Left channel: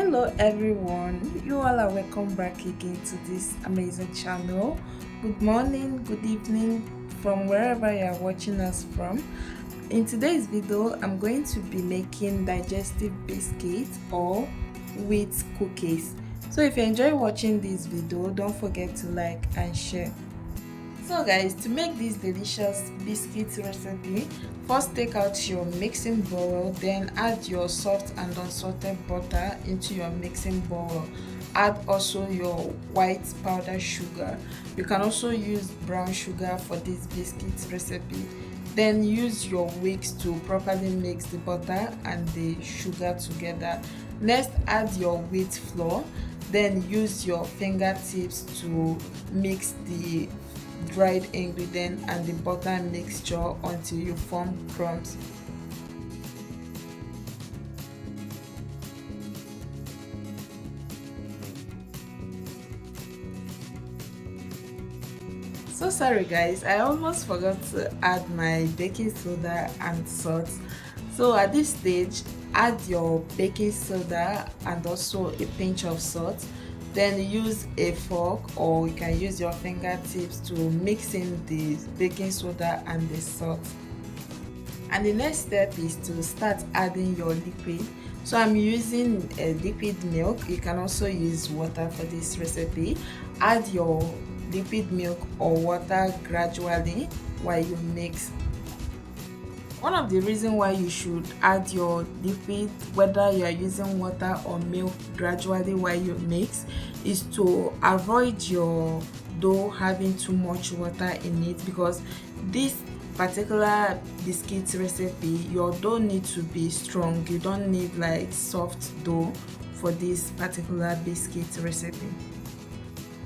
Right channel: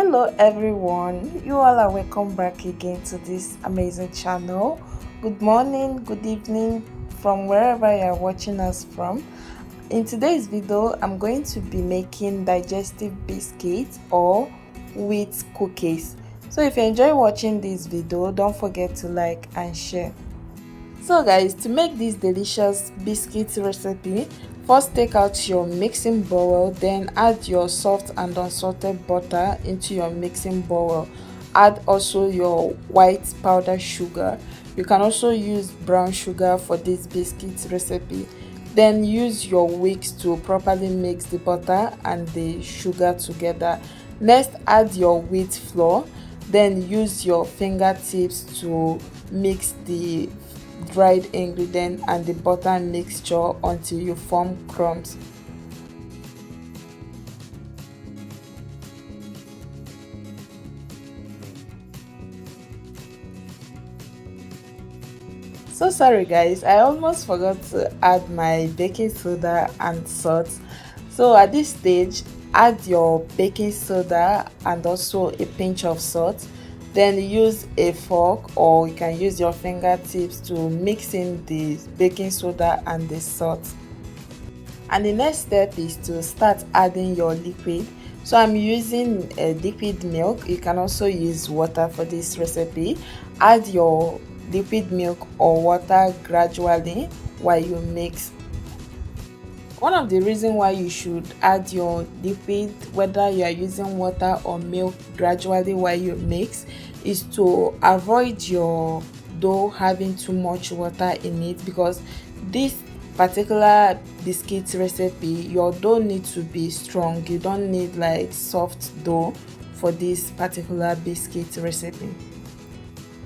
Hello everyone, you all are welcome back again to this amazing channel. Good morning, good evening from wherever you are watching us from. In today's video, I'm going to be making digestive biscuits or wheat cookies. So if you enjoy watching this video, don't forget to like and share. So guys, to make this delicious biscuit recipe, first take out your mixing bowl, then add your soft and unsalted butter into your mixing bowl. Add also your white powdered sugar. You can also use brown sugar for this biscuit recipe. Then use your whisk to properly mix the butter and the sugar together. Next, add your wheat flour. Then use your fingertips to mix the dried ingredient and the butter mixture until you form crumbs. So sorry guys, I almost forgot to add my baking soda and salt. So at this stage, add your baking soda and also a pinch of salt. Then use a fork or you can use your fingertips to mix in the baking soda and the salt. And the next step is to start adding your liquid. So I'm using a liquid milk. You can also use water for this recipe. Add your liquid milk or water gradually while you mix. One of the reasons why you should add your liquid, whether you are using water or milk, gradually while you mix, is to avoid your dough having too much water in it, because this particular biscuit recipe, your dough needs to be strong. You don't need like soft dough for this particular biscuit recipe.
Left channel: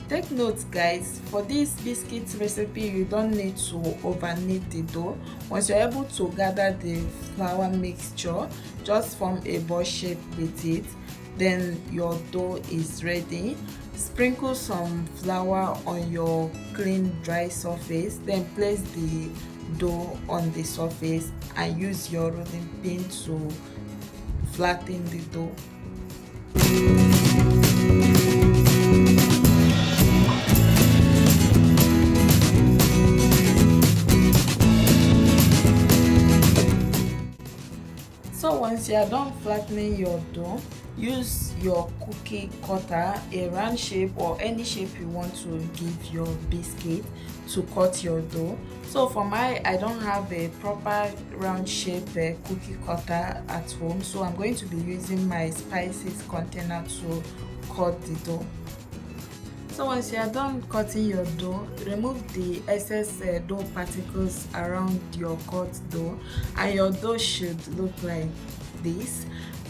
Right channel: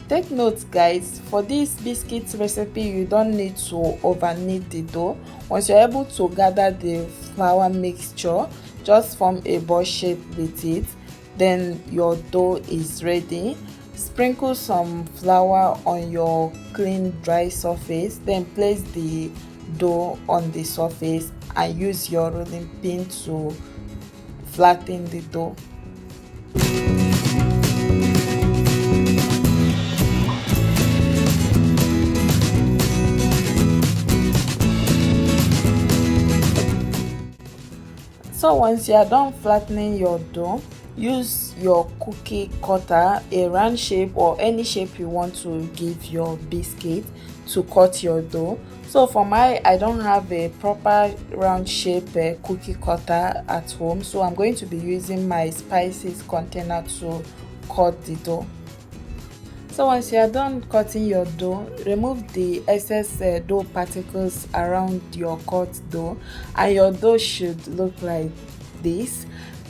Take note guys, for this biscuit recipe you don't need to over knead the dough. Once you're able to gather the flour mixture, just form a ball shape with it, then your dough is ready. Sprinkle some flour on your clean dry surface, then place the dough on the surface and use your rolling pin to flatten the dough. So once you are done flattening your dough, use your cookie cutter, a round shape or any shape you want to give your biscuit, to cut your dough. So for I don't have a proper round shape cookie cutter at home, so I'm going to be using my spices container to cut the dough. So once you are done cutting your dough, remove the excess dough particles around your cut dough, and your dough should look like this.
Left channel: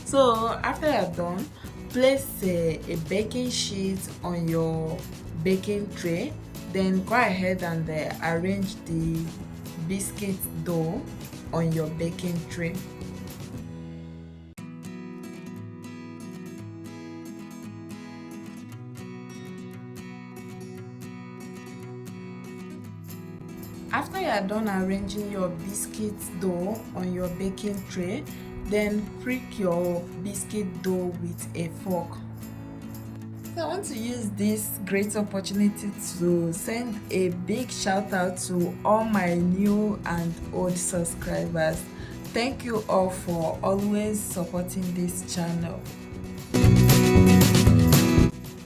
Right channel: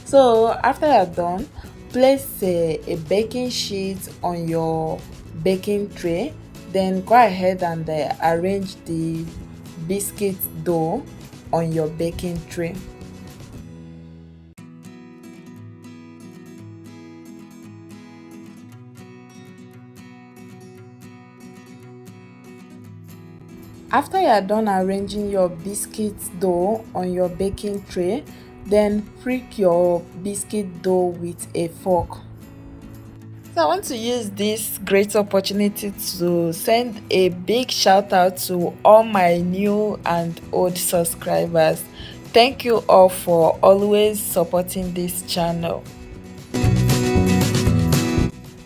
So after you are done, place a baking sheet on your baking tray, then go ahead and arrange the biscuit dough on your baking tray. After you are done arranging your biscuit dough on your baking tray, then prick your biscuit dough with a fork. So I want to use this great opportunity to send a big shout out to all my new and old subscribers. Thank you all for always supporting this channel.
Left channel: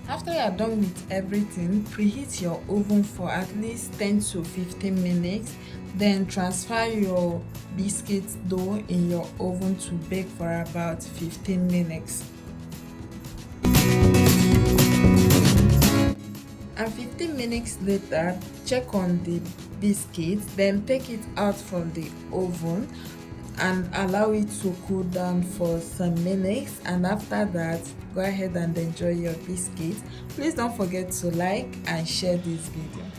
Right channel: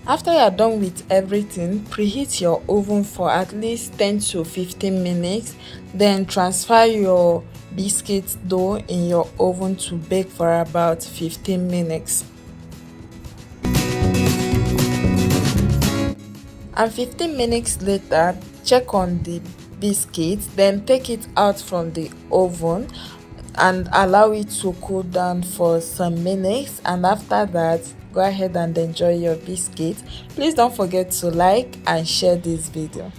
After you are done with everything, preheat your oven for at least 10 to 15 minutes. Then transfer your biscuit dough in your oven to bake for about 15 minutes. And 15 minutes later, check on the biscuit, then take it out from the oven and allow it to cool down for some minutes, and after that, go ahead and enjoy your biscuit. Please don't forget to like and share this video.